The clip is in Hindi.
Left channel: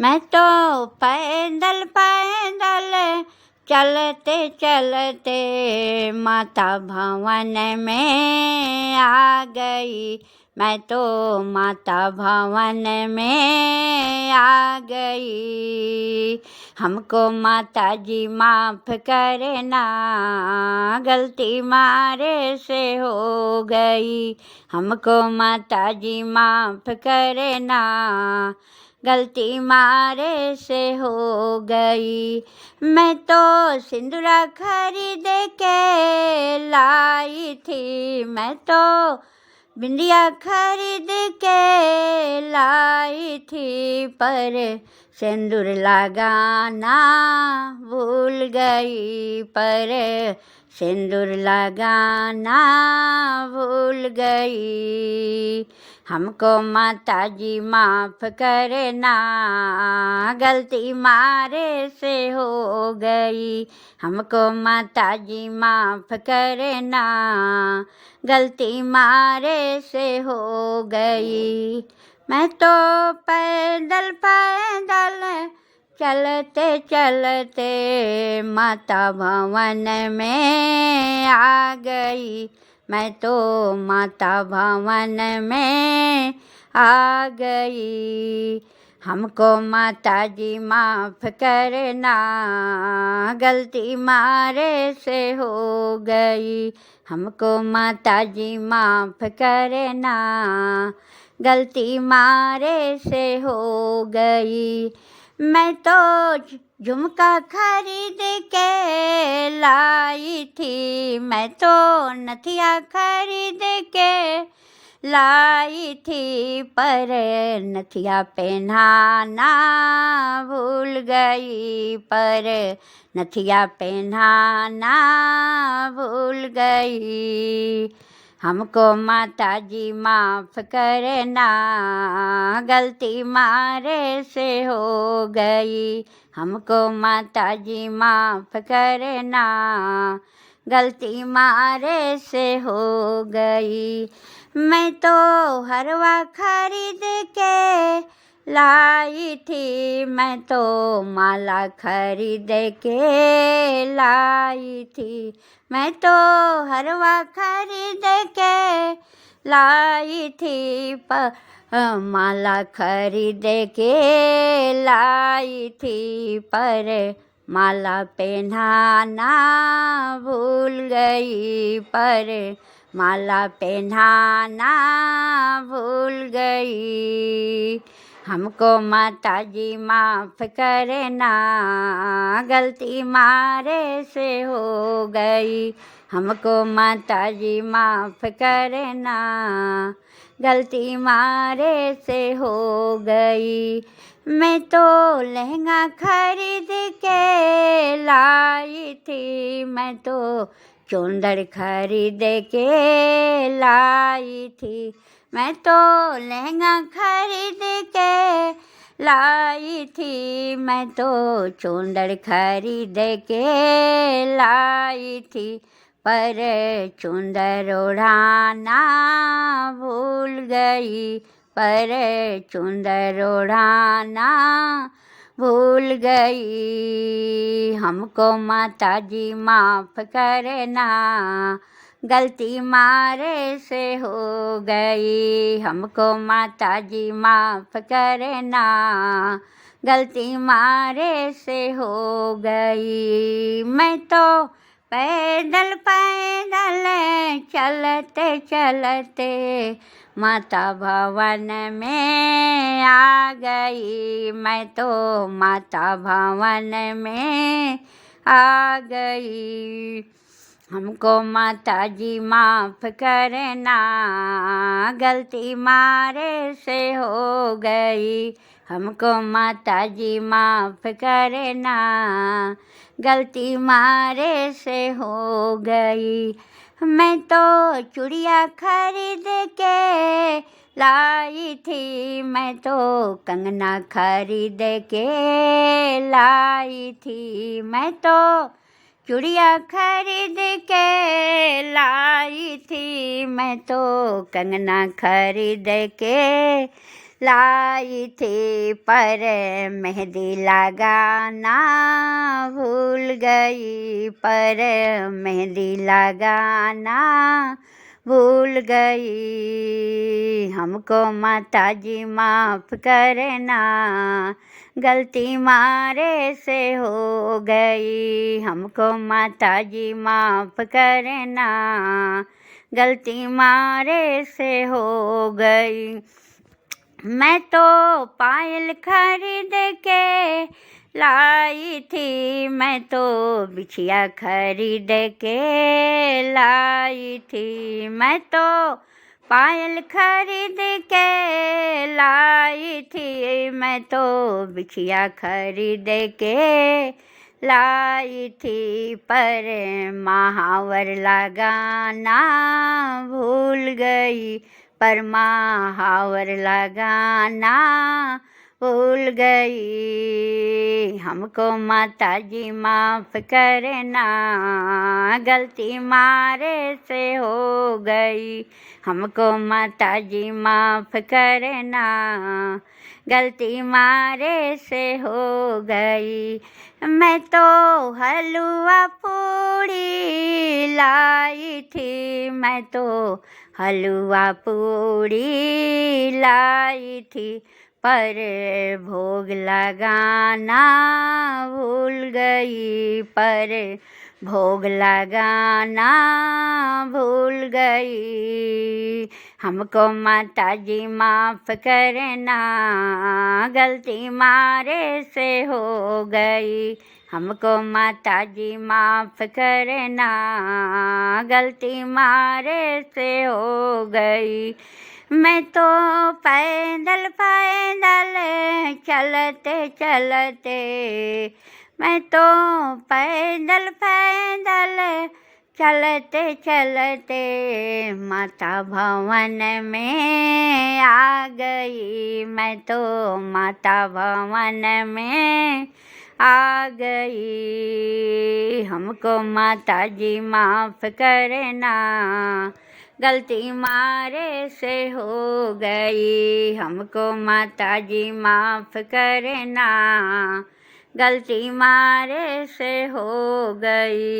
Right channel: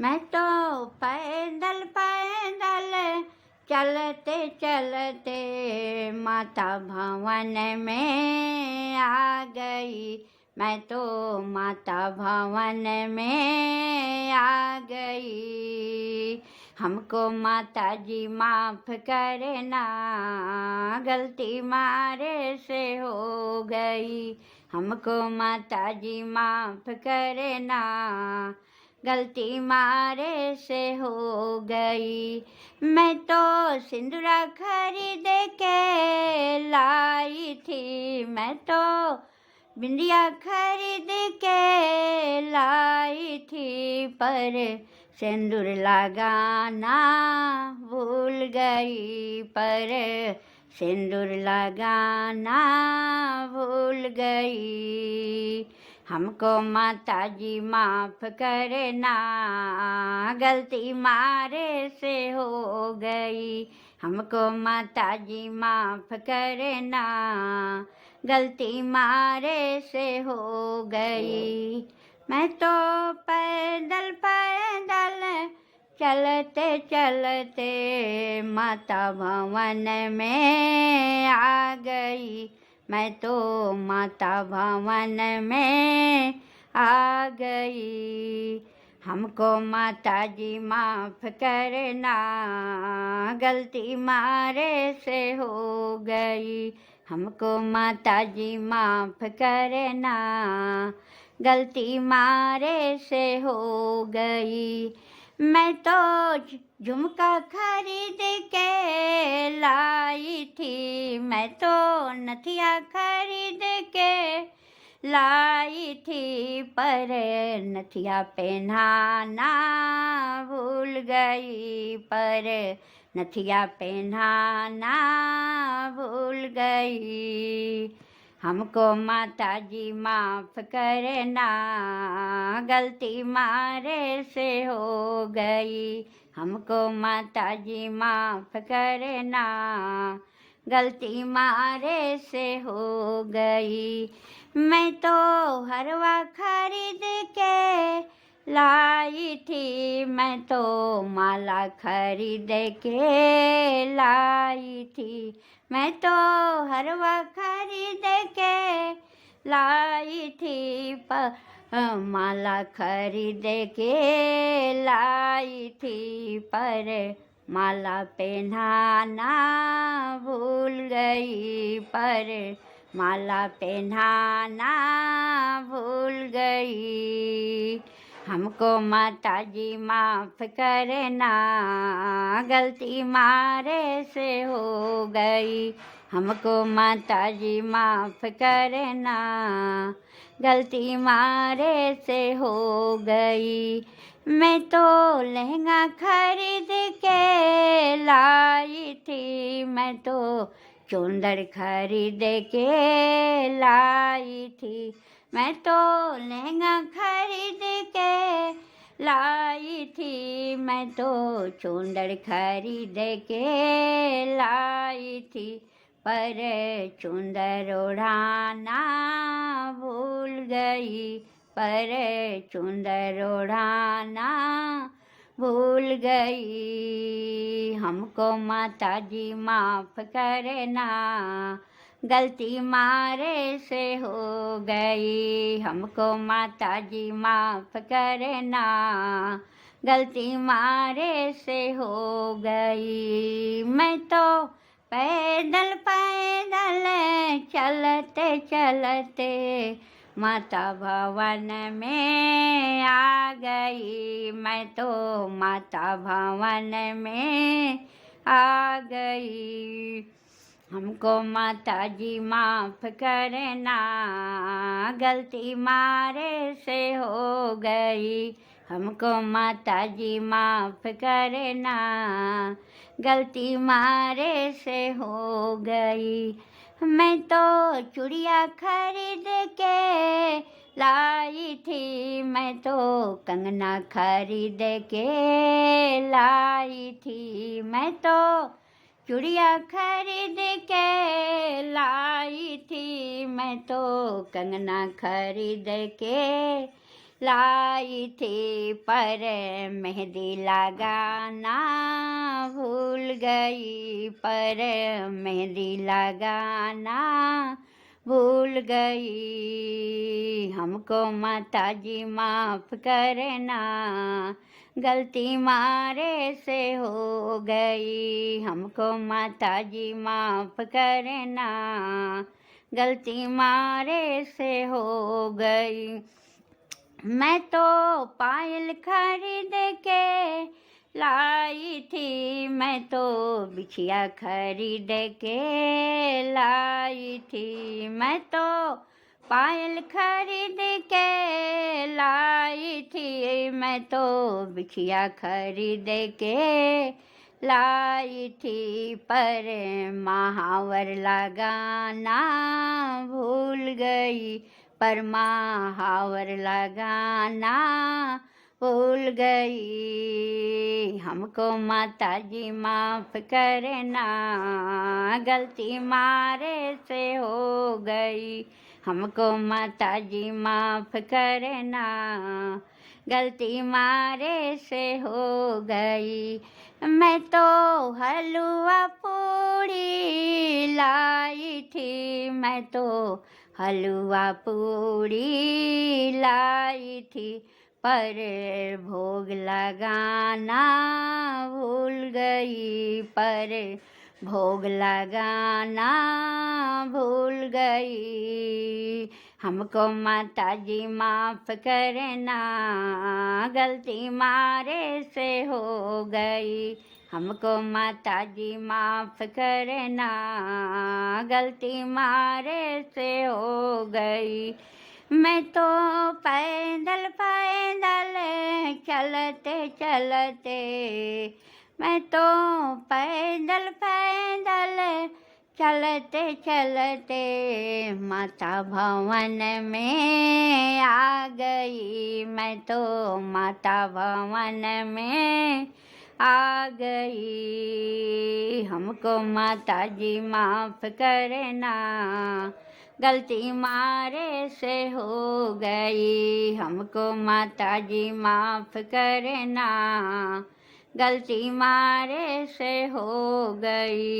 मैं तो पैदल पैदल चलते चलते माता भवन में आ गई। मैं तो माता भवन में आ गई। हमको माता जी माफ़ करना, गलती मारे से हो गई। हमको माता जी माफ़ करना, गलती मारे से हो गई। मैं तो सिंदूरा खरीद के लाई थी, मैं तो बिंदिया खरीद के लाई थी, पर सिंदूर लगाना भूल गई। पर सिंदूर लगाना भूल गई। हमको माता जी माफ़ करना, गलती मारे से हो गई। हमको माता जी माफ़ करना, गलती मारे से हो गई। मैं तो पैदल पैदल चलते चलते माता भवन में आ गई। मैं तो माता भवन में आ गई। हमको माता जी माफ़ करना, गलती मारे से हो गई। हमको माता जी माफ़ करना, गलती मारे से हो गई। मैं तो झुमका खरीद के लाई थी, मैं तो नथिया खरीद के लाई थी, पर नथिया पहनाना भूल गई। पर नथिया पहनाना भूल गई। हमको माता जी माफ़ करना, गलती मारे से हो गई। हमको माता जी माफ़ करना, गलती मारे से हो गई। मैं तो हरवा खरीद के लाई थी, मैं तो माला खरीद के लाई थी, मैं तो हरवा खरीद के लाई थी, माला खरीद के लाई थी, पर माला पहनाना भूल गई। पर माला पहनाना भूल गई। हमको माता जी माफ़ करना, गलती मारे से हो गई। हमको माता जी माफ़ करना, गलती मारे से हो गई। मैं तो लहंगा खरीद के लाई थी, मैं तो चुंदर खरीद के लाई थी, मैं तो लहंगा खरीद के लाई थी, मैं तो चुंदर खरीद के लाई थी, पर चुंदर ओढ़ाना भूल गई। पर चुंदर ओढ़ाना भूल गई। हमको माता जी माफ़ करना, गलती मारे से हो गई। हमको माता जी माफ़ करना, गलती मारे से हो गई। मैं तो पैदल पैदल चलते चलते माता भवन में आ गई। मैं तो माता भवन में आ गई। हमको माता जी माफ़ करना, गलती मारे से हो गई। हमको माता जी माफ़ करना, गलती मारे से हो गई। मैं तो चूड़िया खरीद के लाई थी, मैं तो कंगना खरीद के लाई थी, मैं तो चूड़िया खरीद के लाई थी, मैं तो कंगना खरीद के लाई थी पर मेहंदी लगाना भूल गई, पर मेहंदी लगाना भूल गई। हमको माता जी माफ़ करना, गलती मारे से हो गई। हमको माता जी माफ़ करना, गलती मारे से हो गई। मैं तो पायल खरीद के लाई थी, मैं तो बिछिया खरीद के लाई थी। मैं तो पायल खरीद के लाई थी, मैं तो बिछिया खरीद के लाई थी, पर महावर लगाना भूल गई, पर महावर लगाना भूल गई। हमको माता जी माफ़ करना, गलती मारे से हो गई। हमको माता जी माफ़ करना, गलती मारे से हो गई। मैं तो हलवा पूड़ी लाई थी, मैं तो हलवा पूड़ी लाई थी, पर भोग लगाना भूल गई, पर भोग लगाना भूल गई। हमको माता जी माफ़ करना, गलती मारे से हो गई। हमको माता जी माफ़ करना, गलती मारे से हो गई। मैं तो पैदल पैदल चलते चलते, मैं तो पैदल पैदल चलते चलते माता भवन में आ गई। मैं तो माता भवन में आ गई। हमको माता जी माफ़ करना, गलती मारे से हो गई। हमको माता जी माफ़ करना, गलती मारे से हो गई।